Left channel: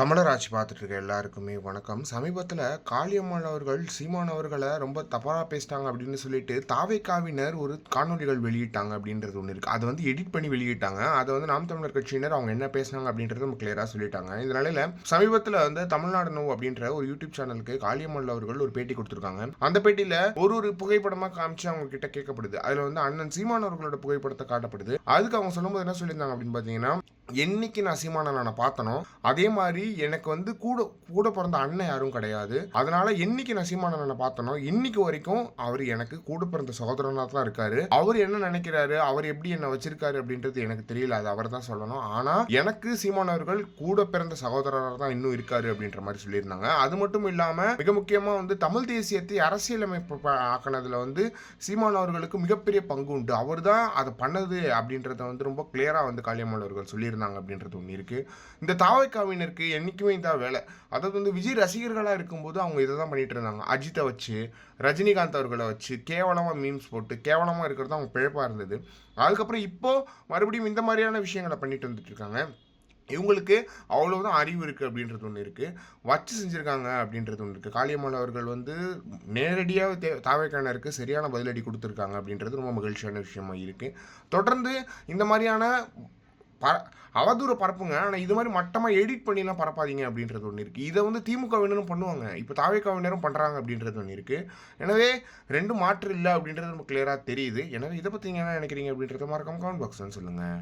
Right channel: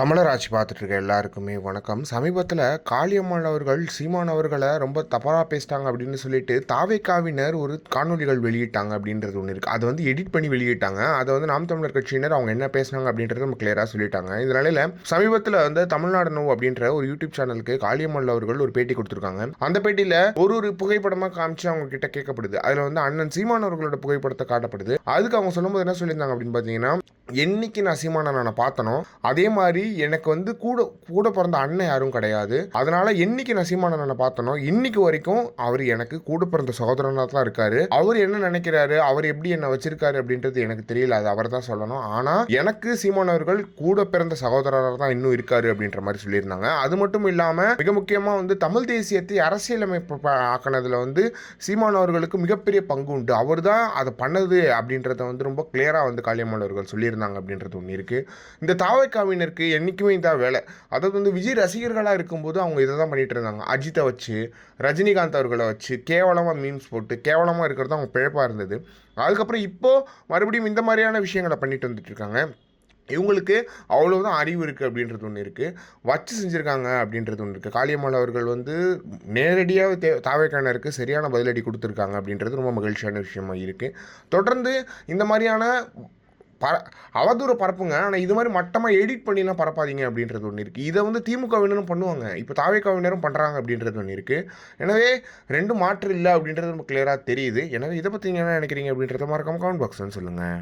தமிழராட்சி பார்த்துட்டு இருக்க எல்லாருக்குமே வணக்கம். சமீபத்தில் காளியம்மாள் அவர்கள் சீமான் அவர்களை ரொம்ப தப்பாக பேசிட்டாங்க அப்படின்னு சொல்லிட்டு தாவேக்காவினர் ஒரு காணொலிகள் வெளியிட்டாங்க அப்படின்றது ஒன்று இருக்குது அதை வந்து எடிட் பண்ணி வெளியிட்டாங்க. அதை வந்து நாம் தமிழர் கட்சியினர் அவங்க என்ன பேசினாங்க அப்படின்றத நம்ம கிளியராக சொல்லிட்டாங்க. இந்த நிலையில் சமீபத்தில் வந்து தமிழ்நாடு நோ அப்படின்ற ஒரு யூடியூப் சேனலுக்கு காளியம்மாள் அவர்கள் ஒரு பேட்டி கொடுத்துருக்காங்க. அந்த பேட்டியில் ஒரு ஒரு புகைப்படமாக காமிச்சு அவங்க கிட்ட கேட்கப்படுது. அதில் வந்து அண்ணன் சீமான் அவர்களோட புகைப்படத்தை காட்டப்படுது. அதுக்கு அவங்க சொல்லும்போது என்ன சொல்லியிருந்தாங்க அப்படின்னு பார்த்தீங்கன்னா என்னைக்கு நான் சீமானை நான் பார்த்தனோ அதே மாதிரி எனக்கு வந்து கூட கூட பிறந்த அண்ணன் யாரும் கிடையாது. அதனால என்னைக்கு நான் சீமானை பார்த்தனோ இன்னைக்கு வரைக்கும் அவர் எனக்கு கூட பிறந்த சகோதரனாக தான் இருக்காரு. அவர் என்ன நினைக்கிறாரு அவர் எப்படி என்ன வச்சிருக்காரு அப்படின்றது எனக்கு தெரியல. அது அவர் தான் சொல்லணும். ஆனால் எனக்கு சீமான் அவர்கள் கூட பிறந்த சகோதரராக தான் இன்னும் இருக்காரு அப்படின்ற மாதிரி சொல்லியிருந்தாங்க. அது மட்டும் இல்லாமல் மிக முக்கியமாக வந்து தமிழ் தேசியத்தை அரசியலமைப்பு ஆக்கினதில் ஆக்கினதுல வந்து சீமான் அவர்களுக்கு மிகப்பெரிய பங்கு உண்டு. அவர் தான் அதை பண்ணது அப்படின்றத வந்து ரொம்ப கிளியராக வந்து காளியம்மாள் அவர்கள் சொல்லியிருந்தாங்க அப்படின்றது ஒன்று இருக்குது இந்த தாவைக்காவினருக்கு என்றைக்குமே இதான் வேலை. அதாவது வந்து விஜய் ரசிகர்களாக இருக்கும்போது அவங்க இதை தான் பண்ணிகிட்டு இருந்தாங்க. அஜித்தை வச்சு ரஜினிகாந்த் அவர்களை வச்சு கேவலமாக மீம்ஸ் போட்டு கேவலமாக இருக்கிறது அவங்க பிழைப்பாக இருந்தது. அதுக்கப்புறம் இப்போது மறுபடியும் இந்த மாதிரியான விஷயங்களை பண்ணிட்டு வந்துட்டு இருக்காங்க. இவங்களுக்கு அவ்வளோதான் அறிவு இருக்குது அப்படின்றது ஒன்று இருக்குது வச்சு செஞ்சுருக்காங்க அப்படின்றது ஒன்று இருக்குது காளியம்மாள் அவர்கள் வந்து நேரடியாக தே தாவைக்கானருக்கு சரியான பதிலடி கொடுத்துருக்காங்க அப்படின்றது ரொம்ப மகிழ்ச்சியான விஷயமாக இருக்குது தொடர்ந்து இந்த மாதிரியான ப அவதூறு பரப்புங்க. ஆனால் இது மாதிரி மட்டமாக எடிட் பண்ணிலாம் பரப்பாதீங்க அப்படின்றது ஒன்று இருக்குது இதை வந்து திமுகவினரும் பண்ணுவாங்க. இப்போ தாவேக்காவினரும் பண்ணுறாங்க அப்படின்றது ஒன்று இருக்குது எனவே ரெண்டு மாற்று இல்லை அப்படின்றது நமக்கு கிளியராக தெரியுது. எனவே இதை பற்றி என்ன நினைக்கிறீங்க அப்படின்றத மறக்காம கமெண்ட் பாக்ஸ்ன்னு சொல்லுங்கள்